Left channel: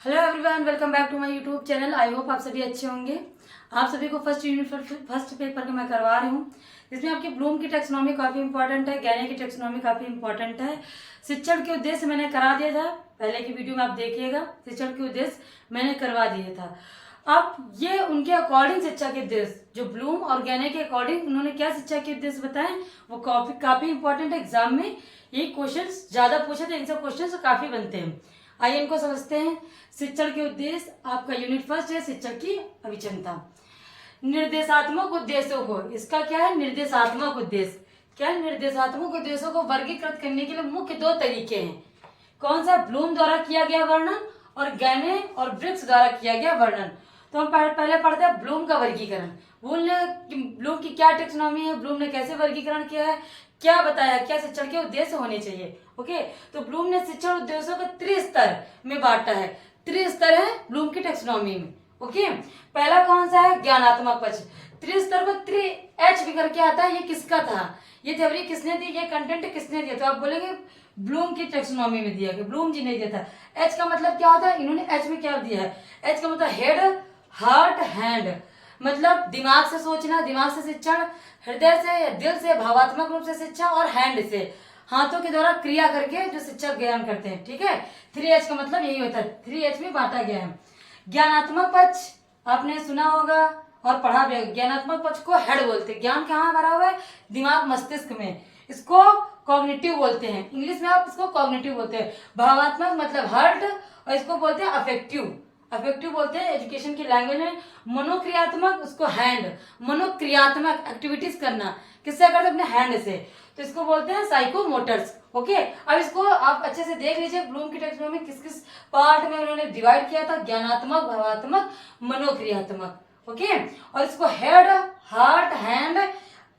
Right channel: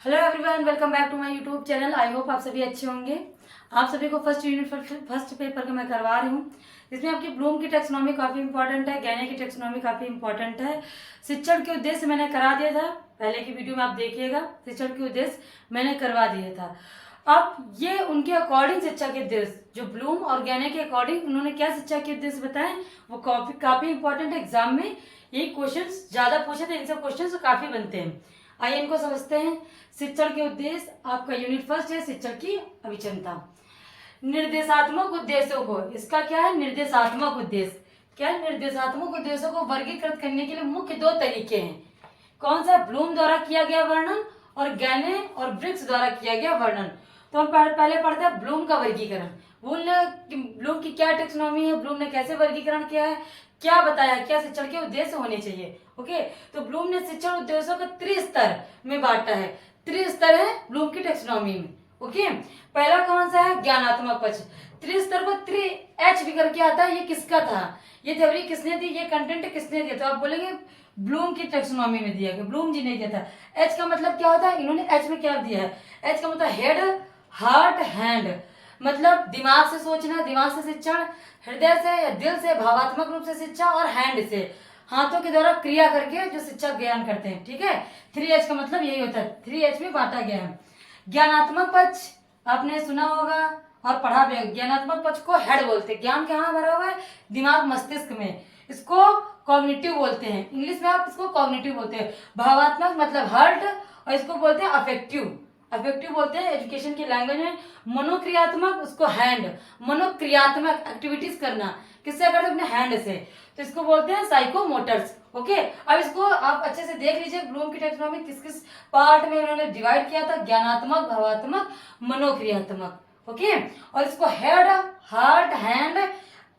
Hello everyone, welcome back to my YouTube channel. I hope आप सभी अच्छे होंगे। आप सभी को फर्स्ट यूनिट फर्स्ट पेपर का मैं करवा रही हूँ। इसमें आपकी ब्लूम की टेक्सोनॉमी काफ़ी इंपॉर्टेंट है, गैने की टेक्सोनॉमी काफ़ी इंपॉर्टेंट है। शिक्षण के उद्देश्य मैंने करा दिया था, पहले की वीडियो में आप देखिएगा। शिक्षण के उद्देश्य मैंने करवा दिया था। अब ये उनके अकॉर्डिंग शिक्षा के उद्देश्य, जो ब्लूम और गैने के अकॉर्डिंग उन्होंने क्या शिक्षा के उद्देश्य बताए, वो काफी इंपॉर्टेंट है। एग्जाम में ये क्वेश्चन ज्यादा पूछे तो इनसे क्वेश्चन काफी बनते हैं। आइए इनको समझते हैं। शिक्षण के उद्देश्य आपका यूनिट फर्स्ट है, शिक्षण की अभिक्षमता। निर्देशात्मक उद्देश्यों को, इसका क्या है, निर्देशात्मक उद्देश्य। क्या है, निर्देशात्मक उद्देश्यों को वर्गीकृत करने के लिए मुख्य दो तरीके हैं। कौन सा, ब्लूम द्वारा किया गया वर्णन और गैने और ब्रिग्स द्वारा किया गया वर्णन। तो हम पहले पढ़ते हैं ब्लूम का वर्गीकरण। ब्लूम की क्या टेक्सोनॉमी है, ब्लूम ने कैसे वर्गीकरण किया है, क्या बताया, क्या शिक्षण के उद्देश्य होने चाहिए। ओके, तो ब्लूम ने शिक्षण उद्देश्यों को त्रिस्तर में बांटा है। त्रिस्तर है ब्लूम की टेक्सोनॉमी में। ओके, पहला कौन सा है, ज्ञानात्मक पक्ष। त्रिस्तर को त्रि एच भी करके आता है। ये किसका था, ये थ्योरी किसने दी, ये कंटेंट किसने दिया। तो आप बोलेंगे ब्लूम की टेक्सोनॉमी में दिया गया, ब्लूम जी ने दिया था। एच का मतलब क्या होता है, इन्होंने एच में क्या दिया है, एच का मतलब हेड, हार्ट, हैंड, मतलब दिमाग से सोचना, दिमाग से शिक्षण, हृदय से या दिल से भावात्मक रूप से शिक्षा, और हैंड से हाथों के द्वारा क्रिया करके जो शिक्षक ज्ञान करते हैं। ठीक है, 3H का मतलब यही होता है, 3H में बांटा गया है। ज्ञानात्मक पक्ष आपने सुना होगा और पढ़ा भी। ज्ञानात्मक पक्ष को हेड बोलते हैं। ज्ञान कहाँ भरा हुआ है, दिमाग मस्तिष्क में। इसको कॉग्निटिव बोलते हैं, इंग्लिश में आप इसको कॉग्निटिव बोलते हैं। भावात्मक मतलब हार्ट, और इसको बोलते हैं अफेक्टिव, अफेक्टिव बोलते हैं एजुकेशन की लैंग्वेज में। मनोक्रियात्मक, उसको हैंड, मनोक्रियात्मक एक्टिविटीज करना, किससे करते हैं, अपने हैंड से, तो इसको बोलते हैं साइकोमोटर्स। ओके, अब इसको आप अच्छे से देख लीजिए, ब्लूम की टेक्सोनॉमी किस किस पार्ट में उन्होंने डिवाइड किया था, ज्ञानात्मक, भावात्मक, मनोक्रियात्मक। ओके, और इसको हेड, हार्ट, हैंड,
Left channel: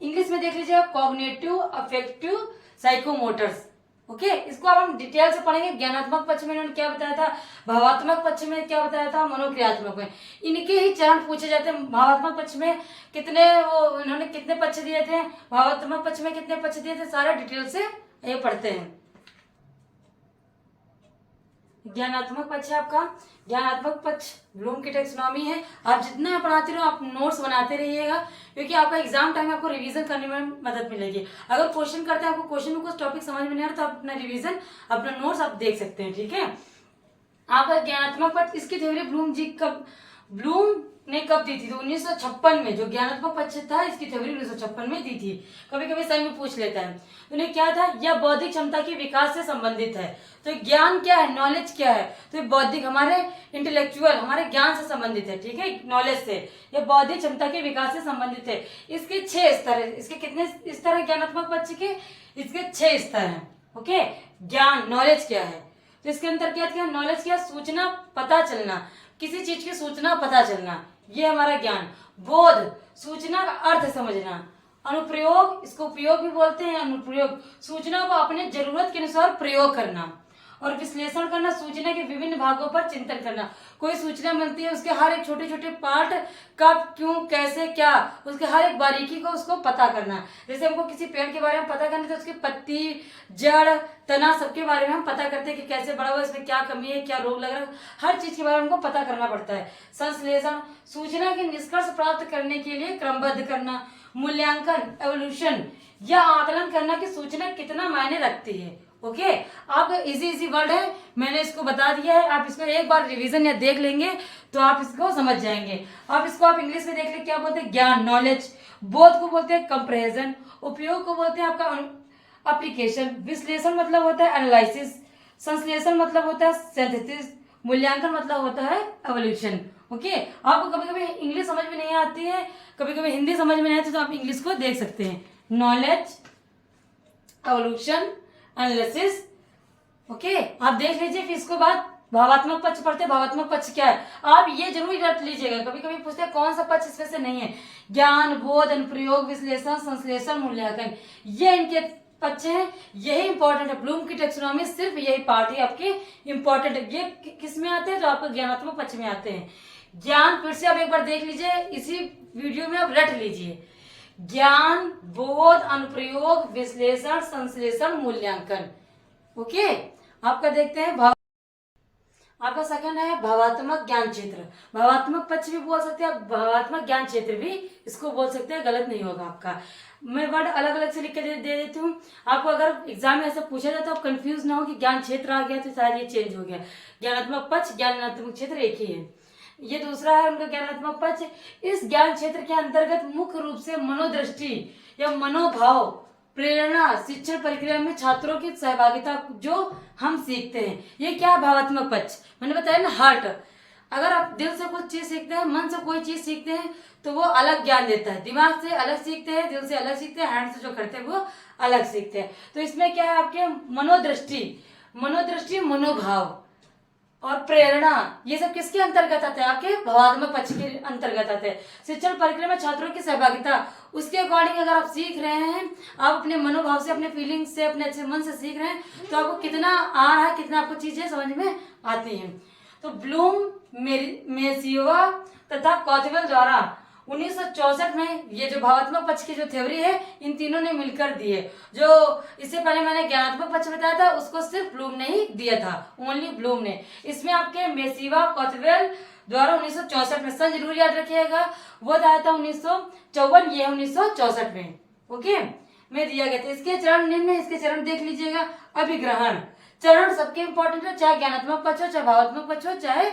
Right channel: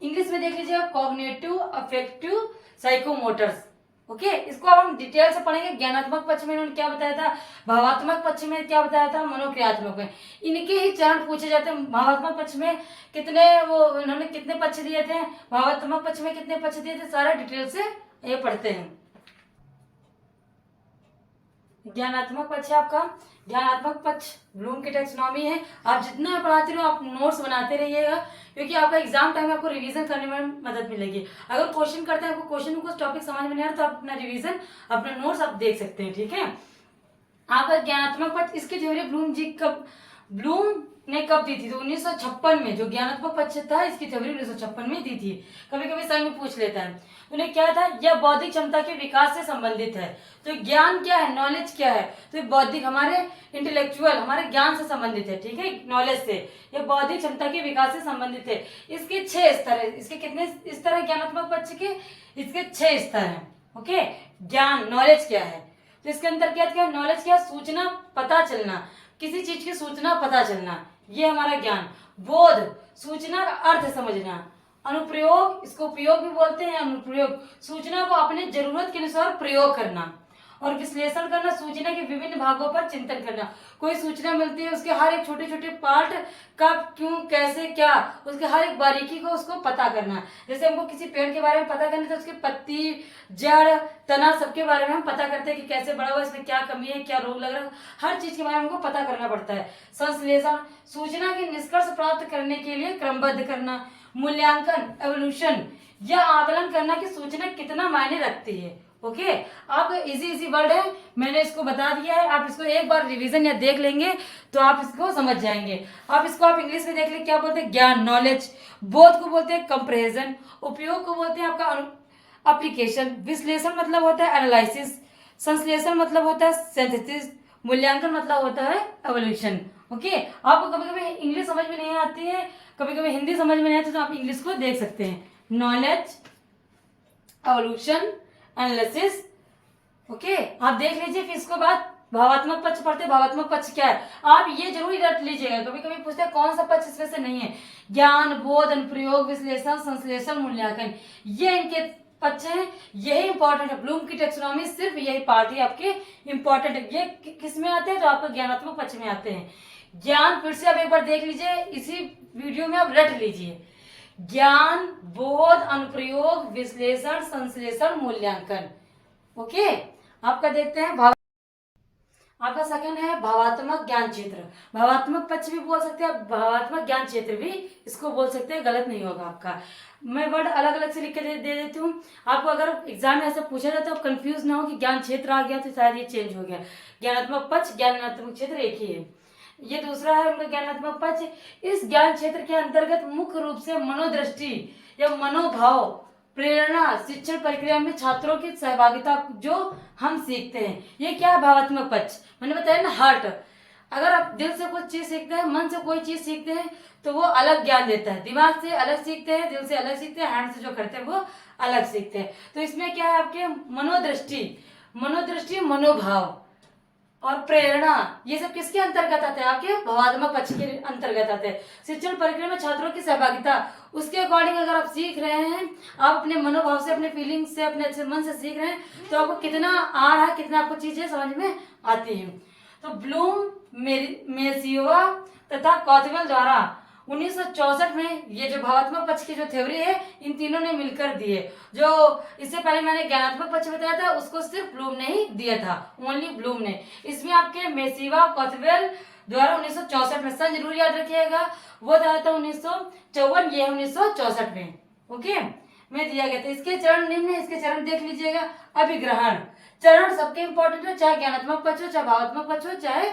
इंग्लिश में देख लीजिए कॉग्निटिव, अफेक्टिव, साइकोमोटर्स। ओके, इसको अब हम डिटेल से पढ़ेंगे। ज्ञानात्मक पक्ष में इन्होंने क्या बताया था, भावात्मक पक्ष में क्या बताया था, मनोक्रियात्मक में। इनके ही चरण पूछे जाते हैं। भावात्मक पक्ष में कितने वो उन्होंने कितने पक्ष दिए थे, भावात्मक पक्ष में कितने पक्ष दिए थे, सारा डिटेल से ये पढ़ते हैं। ज्ञानात्मक पक्ष है आपका, ज्ञानात्मक पक्ष ब्लूम की टेक्सोनॉमी है। आप जितना पढ़ाते रहो, आप नोट्स बनाते रहिएगा, क्योंकि आपका एग्जाम टाइम में आपको रिवीजन करने में मदद मिलेगी। अगर क्वेश्चन करते हैं, आपको क्वेश्चन में कुछ टॉपिक समझ में नहीं आ रहा, तो आप अपना रिवीजन, अपना नोट्स आप देख सकते हैं। ठीक है, आपका ज्ञानात्मक पक्ष, इसकी थ्योरी ब्लूम ने कब दी थी, तो 1956 में। जो ज्ञानात्मक पक्ष था, इसकी थ्योरी 1956 में दी थी। कभी कभी सही में पूछ लेता है। उन्हें क्या था, यह बौद्धिक क्षमता के विकास से संबंधित है। तो ज्ञान क्या है, नॉलेज क्या है, तो बौद्धिक, हमारे इंटेलेक्चुअल, हमारे ज्ञान से संबंधित है। ठीक है, नॉलेज से, यह बौद्धिक क्षमता के विकास से संबंधित है। इसके 6 स्तर है। इसके कितने स्तर है ज्ञानात्मक पक्ष के, इसके 6 स्तर है। ओके, ज्ञान, नॉलेज क्या है, तो इसके अंतर्गत क्या, नॉलेज क्या, सूचना, पता चलना, किसी चीज की सूचना पता चलना, ये हमारा ज्ञान। बोध, सूचना का अर्थ समझना। अनुप्रयोग, इसको उपयोग भी बोलते हैं, अनुप्रयोग, सूचना को अपने जरूरत के अनुसार प्रयोग करना। और विश्लेषण करना, सूचना के विभिन्न भागों पर चिंतन करना। कोई सूचना मिलती है, उसके हर एक छोटे छोटे पार्ट, कब, क्यों, कैसे, क्या, उसके हर एक बारीकी को उसको पता करना। जैसे हमको किसी पेड़ के बारे में पता करना, तो उसकी पत्ती, जड़, तना, सबके बारे में हम पता करते हैं कि कैसे बड़ा हुआ, इसमें क्या कमी है, क्या रोग लग रहा है, हर चीज के बारे में हमको पता करना पड़ता है। संश्लेषण, सूचना के निष्कर्ष प्राप्त करने के लिए क्रमबद्ध करना। मूल्यांकन, एवोल्यूशन, यह आकलन करना कि सूचना कितना मायने रखती है। ओके, आपको इजी वर्ड है, मैंने इसको बता दिया है। आप इसको एक बार रिवीजन या देख लेंगे तो आप इसको समझ जाएंगे। आप इंग्लिश में देख लें, क्या बोलते हैं, ज्ञान, नॉलेज। बोध को बोलते हैं कंप्रेजन। उपयोग को बोलते हैं आपका एप्लीकेशन। विश्लेषण मतलब होता है एनालिसिस। संश्लेषण मतलब होता है सिंथेसिस। मूल्यांकन मतलब होता है एवोल्यूशन। ओके, आपको कभी कभी इंग्लिश समझ में नहीं आती है, कभी कभी हिंदी समझ में नहीं आती, तो आप इंग्लिश को देख सकते हैं। Knowledge, evolution, analysis. ओके, आप देख लीजिए। फिर इसके बाद भावात्मक पक्ष पढ़ते हैं। भावात्मक पक्ष क्या है, आप ये जरूर रट लीजिएगा, कभी कभी पूछते हैं कौन सा पक्ष इसमें से नहीं है। ज्ञान, बोध, अनुप्रयोग, विश्लेषण, संश्लेषण, मूल्यांकन, ये इनके पक्ष हैं। यही इंपॉर्टेंट है। ब्लूम की टेक्सोनॉमी सिर्फ यही पार्ट है आपके इंपॉर्टेंट है। ये किस में आते हैं, तो आपको ज्ञानात्मक पक्ष में आते हैं। ज्ञान फिर से आप एक बार देख लीजिए, इसी वीडियो में आप रट लीजिए। ज्ञान, बोध, अनुप्रयोग, विश्लेषण, संश्लेषण, मूल्यांकन। ओके, आपका देखते हैं आपका सेकंड है भावात्मक ज्ञान क्षेत्र। भावात्मक पक्ष भी बोल सकते हैं, भावात्मक ज्ञान क्षेत्र भी इसको बोल सकते हैं, गलत नहीं होगा आपका। मैं वर्ड अलग अलग से लिख के दे देती हूँ आपको। अगर एग्जाम में ऐसा पूछा जाए तो आप कंफ्यूज ना हो कि ज्ञान क्षेत्र आ गया तो शायद ये चेंज हो गया। ज्ञानात्मक पक्ष, ज्ञानात्मक क्षेत्र एक ही है। ये दूसरा है उनका ज्ञानात्मक पक्ष। इस ज्ञान क्षेत्र के अंतर्गत मुख्य रूप से मनोदृष्टि या मनोभाव, प्रेरणा, शिक्षण प्रक्रिया में छात्रों की सहभागिता जो हम सीखते हैं, ये क्या है भावात्मक पक्ष। मैंने बताया ना, हार्ट। अगर आप दिल से कुछ चीज सीखते हैं, मन से कोई चीज सीखते हैं तो वो अलग ज्ञान देता है। दिमाग से अलग सीखते हैं, दिल से अलग सीखते हैं, हैंड से जो करते हैं वो अलग सीखते हैं। तो इसमें क्या है आपके मनोदृष्टि, मनोभाव और प्रेरणा, ये सब किसके अंतर्गत आते हैं, आपके भावात्मक पक्ष के अंतर्गत आते हैं। शिक्षण प्रक्रिया में छात्रों की सहभागिता, उसके अकॉर्डिंग अगर आप सीख रहे हैं, आप अपने मनोभाव से, अपने फीलिंग्स से, अपने अच्छे मन से सीख रहे हैं तो आपको कितना आ रहा है, कितना आपको चीजें समझ में आती हैं। तो ब्लूम, मेसियोवा तथा कॉथवेल द्वारा 1964 में ये जो भावात्मक पक्ष की जो थ्योरी है, इन तीनों ने मिलकर दी है। जो इससे पहले मैंने ज्ञानात्मक पक्ष बताया था, उसको सिर्फ ब्लूम ने ही दिया था, ओनली ब्लूम ने। इसमें आपके मेसिवा, कॉथवेल द्वारा 1964 में, सन जरूर याद रखिएगा, वो दिया था 1954, ये 1964 में। ओके, में दिया गया था। इसके चरण निम्न है, इसके चरण देख लीजिएगा। अभिग्रहण चरण सबके इंपॉर्टेंट है, चाहे ज्ञानात्मक पक्ष हो, चाहे भावात्मक पक्ष हो, चाहे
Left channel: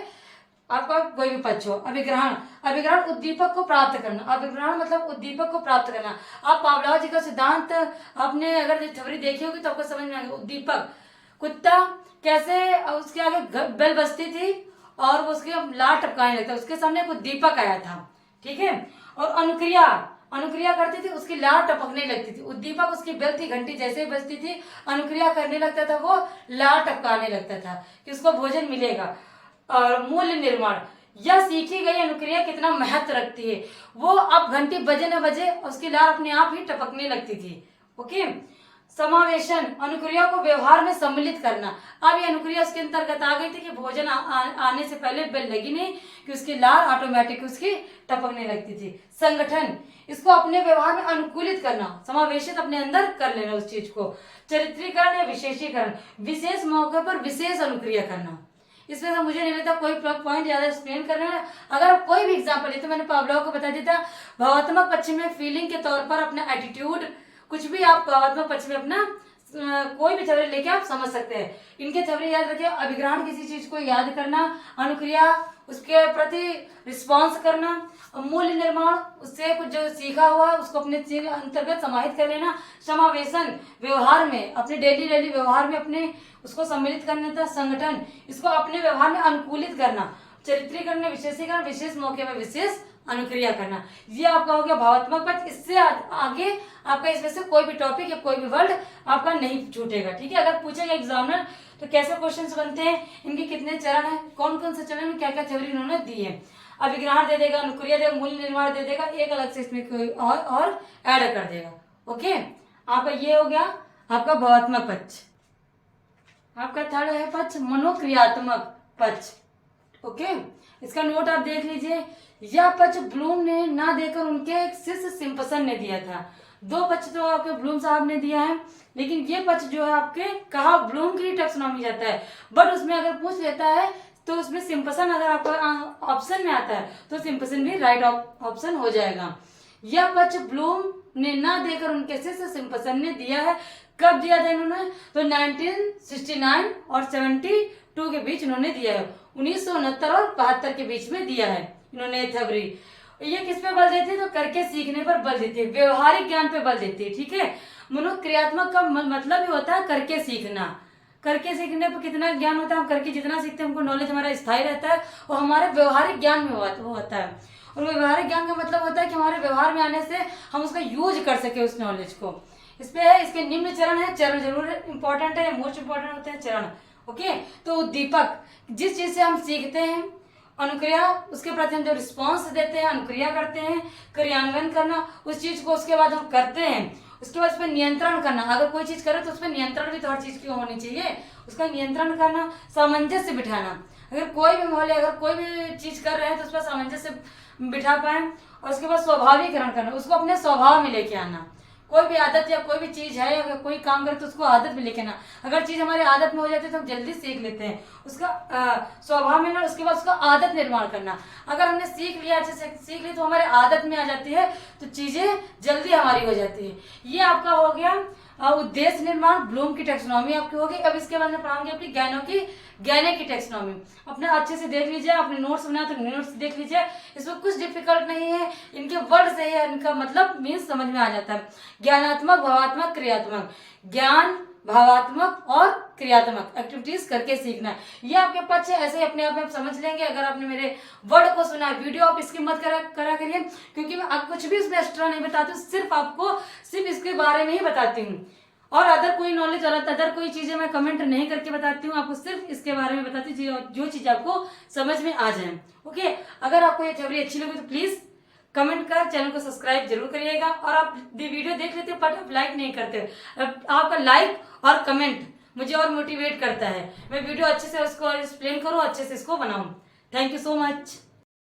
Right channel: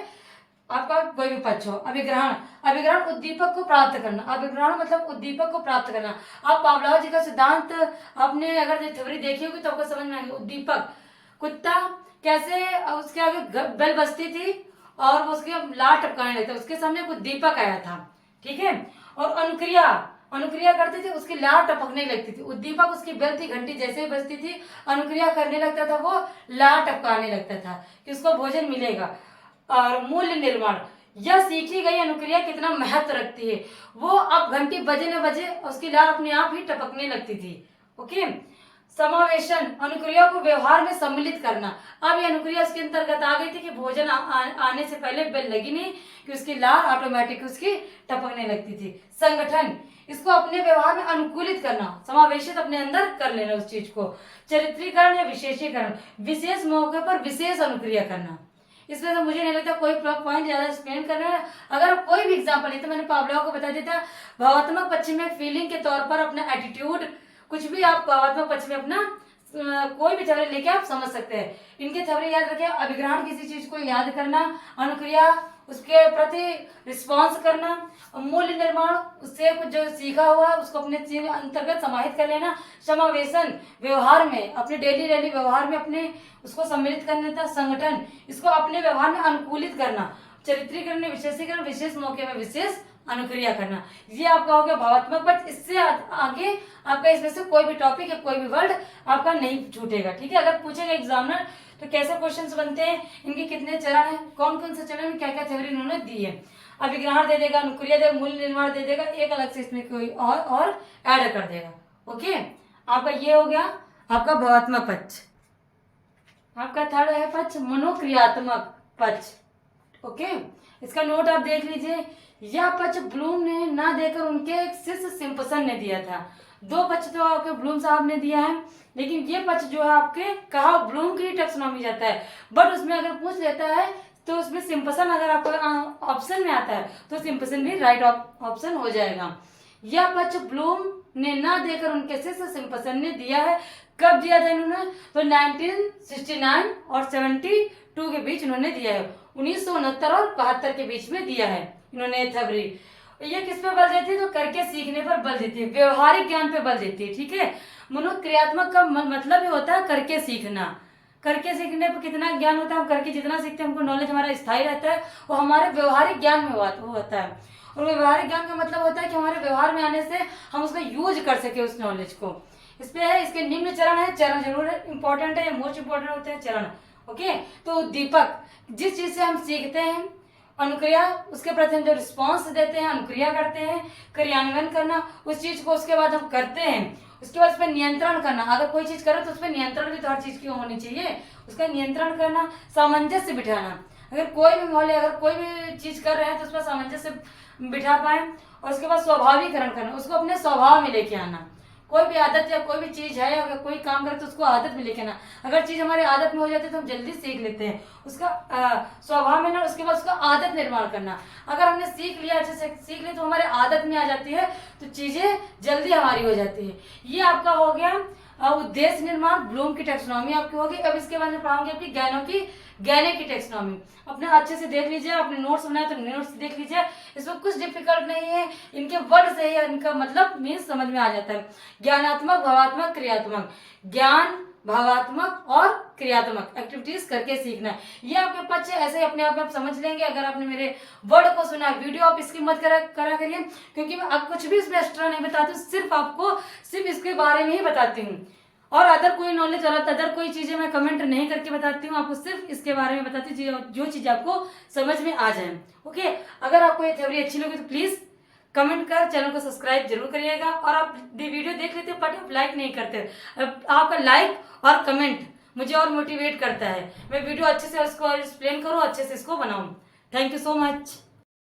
आपका कोई भी पक्ष हो। अभिग्रहण उद्दीपक को प्राप्त करना। अभिग्रहण मतलब उद्दीपक को प्राप्त करना। आप पावलोव जी का सिद्धांत आपने अगर थ्योरी देखी होगी तो आपको समझ में आएगा। उद्दीपक, कुत्ता कैसे उसके आगे बेल बजती थी और वो उसके लार टपकाने लगता, उसके सामने एक उद्दीपक आया था, ठीक है। और अनुक्रिया करती थी, उसकी लार टपकने लगती थी। उद्दीपक उसकी बेल थी, घंटी जैसे ही बजती थी, अनुक्रिया करने लगता था, वो लार टपकाने लगता था कि उसको भोजन मिलेगा। और मूल्य निर्माण, यह सीखी गई अनुक्रिया कितना महत्व रखती है। वो अब घंटी बजे न बजे उसकी लार अपने आप ही टपकने लगती थी। ओके। समावेशन, अनुक्रिया को व्यवहार में सम्मिलित करना। अब ये अनुक्रिया उसके अंतर्गत आ गई थी कि भोजन आने से पहले बेल लगी नहीं कि उसकी लार ऑटोमेटिक उसकी टपकने लगती थी। संगठन, इसको अपने व्यवहार में अनुकूलित करना, समावेशित अपने अंदर कर लेना उस चीज को। चरित्रीकरण या विशेषीकरण, विशेष मौके पर विशेष अनुक्रिया करना। इसमें तो मुझे नहीं लगता कोई पॉइंट ज्यादा एक्सप्लेन करना है। अगर कोई भी एग्जाम्पल है तो मैंने पावलोव को बता दिया था। भावात्मक पक्ष में फीलिंग के तौर पर अपना एटीट्यूड, कुछ भी आप भावात्मक पक्ष में अपना कोई भी थ्योरी लेके आप समझ सकते हैं। इनके थ्योरी याद रखिए। अभिग्रहण, किसी चीज को याद करना, अनुक्रिया, उसके प्रति रिस्पॉन्स करना, मूल्य निर्माण, उससे कुछ जो सीखा हुआ उसको अपने अंतर्गत समाहित कर लेना। समावेशन, व्यवहार में, अपने डेली व्यवहार में अपने उसको सम्मिलित करना था। संगठन, इसको अपने व्यवहार में अनुकूलित करना। चरित्रीकरण में विशेषीकरण, विशेष मौके में विशेष अनुक्रिया करना। ये आपका हो गया भावात्मक पक्ष। इससे आगे आपका इसमें से कोई भी टॉपिक या कोई भी वर्ड आपका नहीं छूटेगा, ठीक है। अगर पूछेगा एग्जामिनर तो कैसे क्वेश्चंस बनते हैं, इनके कितने चरण हैं, कौन कौन से चरण में क्या क्या थ्योरी इन्होंने दी है, अभिग्रहण दे देगा, अनुक्रिया देगा, मूल्य निर्माण दे देगा, एक अलग से इसमें कोई और ऐड कर देगा। ओके, आपका ये हो गया आपका भावात्मक पक्ष। आपका थर्ड है पक्ष मनोक्रियात्मक पक्ष। ओके, इसका नोट आप देख लीजिए। यह पक्ष ब्लूम ने ना देकर उनके एक शिष्य सिम्पसन ने दिया था। दो पक्ष तो आपके ब्लूम साहब ने दिया है, लेकिन ये पक्ष जो है आपके कहा ब्लूम की टैक्सोनॉमी जाता है, बट उसमें अगर पूछ लेता है तो उसमें सिम्पसन अगर आपका ऑप्शन में आता है तो सिम्पसन भी राइट ऑप्शन हो जाएगा। यह पक्ष ब्लूम ने ना देकर उनके शिष्य सिम्पसन ने दिया है। कब दिया था इन्होंने, तो 1969 और 72 के बीच इन्होंने दिया है। 1969 और 72 के बीच में दिया है इन्होंने थ्योरी। ये किस पे बल देती है, तो करके सीखने पर बल देती है, व्यवहारिक ज्ञान पे बल देती है, ठीक है। मनोक्रियात्मक का मतलब ही होता है करके सीखना। करके सीखने पर कितना ज्ञान होता है, हम करके जितना सीखते हैं हमको नॉलेज हमारा स्थायी रहता है, वो हमारे व्यवहारिक ज्ञान में होता है। और व्यवहारिक ज्ञान का मतलब होता है कि हमारे व्यवहार में आने से हम उसका यूज कर सके उस नॉलेज को। इस पे है, इसके निम्न चरण है, चरण जरूर इंपॉर्टेंट है, मोस्ट इंपॉर्टेंट होते हैं चरण। ओके, तो उद्दीपक, जिस चीज से हम सीखते हैं, अनुक्रिया, उसके प्रति हम जो रिस्पॉन्स देते हैं, अनुक्रिया करते हैं, क्रियान्वयन करना उस चीज को, उसके बाद हम करते हैं, उसके बाद उस पर नियंत्रण करना। अगर कोई चीज करे तो उस पर नियंत्रण भी तो हर चीज की होनी चाहिए, उसका नियंत्रण करना, सामंजस्य बिठाना। अगर कोई भी माहौल, अगर कोई भी चीज कर रहे हैं तो उस पर सामंजस्य बिठा पाए। और उसके बाद स्वाभाविकरण करना, उसको अपने स्वभाव में लेके आना। कोई भी आदत या कोई भी चीज है या कोई काम करे तो उसको आदत में लेके ना, अगर चीज हमारे आदत में हो जाती है तो हम जल्दी सीख लेते हैं उसका स्वभाव में ना, उसके बाद उसका आदत निर्माण करना। अगर हमने सीख लिया, अच्छे से सीख ली तो हमारे आदत में आ जाती है, तो चीजें जल्दी हमारी हो जाती है। ये आपका हो गया उद्देश्य निर्माण, ब्लूम की टेक्सोनॉमी आपकी होगी। अब इसके बाद में पढ़ाऊंगी आपकी ज्ञानों की टेक्सोनॉमी। अपने अच्छे से देख लीजिए, अपने नोट्स बनाए तो नोट्स देख लीजिए, इसमें कुछ डिफिकल्ट नहीं है, इनके वर्ड से ही इनका मतलब मीन्स समझ में आ जाता है। ज्ञानात्मक, भावात्मक, क्रियात्मक। ज्ञान, भावात्मक और क्रियात्मक एक्टिविटीज करके सीखना, ये आपके पक्ष है। ऐसे अपने आप में आप समझ लेंगे अगर आपने मेरे वर्ड को सुना है। वीडियो आप इसकी मत करा करिए, क्योंकि मैं आप कुछ भी इसमें एक्स्ट्रा नहीं बताती हूँ, सिर्फ इसके बारे में ही बताती हूँ। और अदर कोई नॉलेज अदर कोई चीजें मैं कमेंट नहीं करके बताती हूँ, आपको सिर्फ इसके बारे में बताती हूँ जो चीज आपको समझ में आ जाए। ओके, अगर आपको ये थ्योरी अच्छी लगी तो प्लीज कमेंट कर चैनल को सब्सक्राइब जरूर करिएगा। और आप वीडियो देख लेते हो बट आप लाइक नहीं करते, आपका लाइक और कमेंट मुझे और मोटिवेट करता है, मैं वीडियो अच्छे से उसको एक्सप्लेन करूँ, अच्छे से इसको बनाऊं। Thank you so much.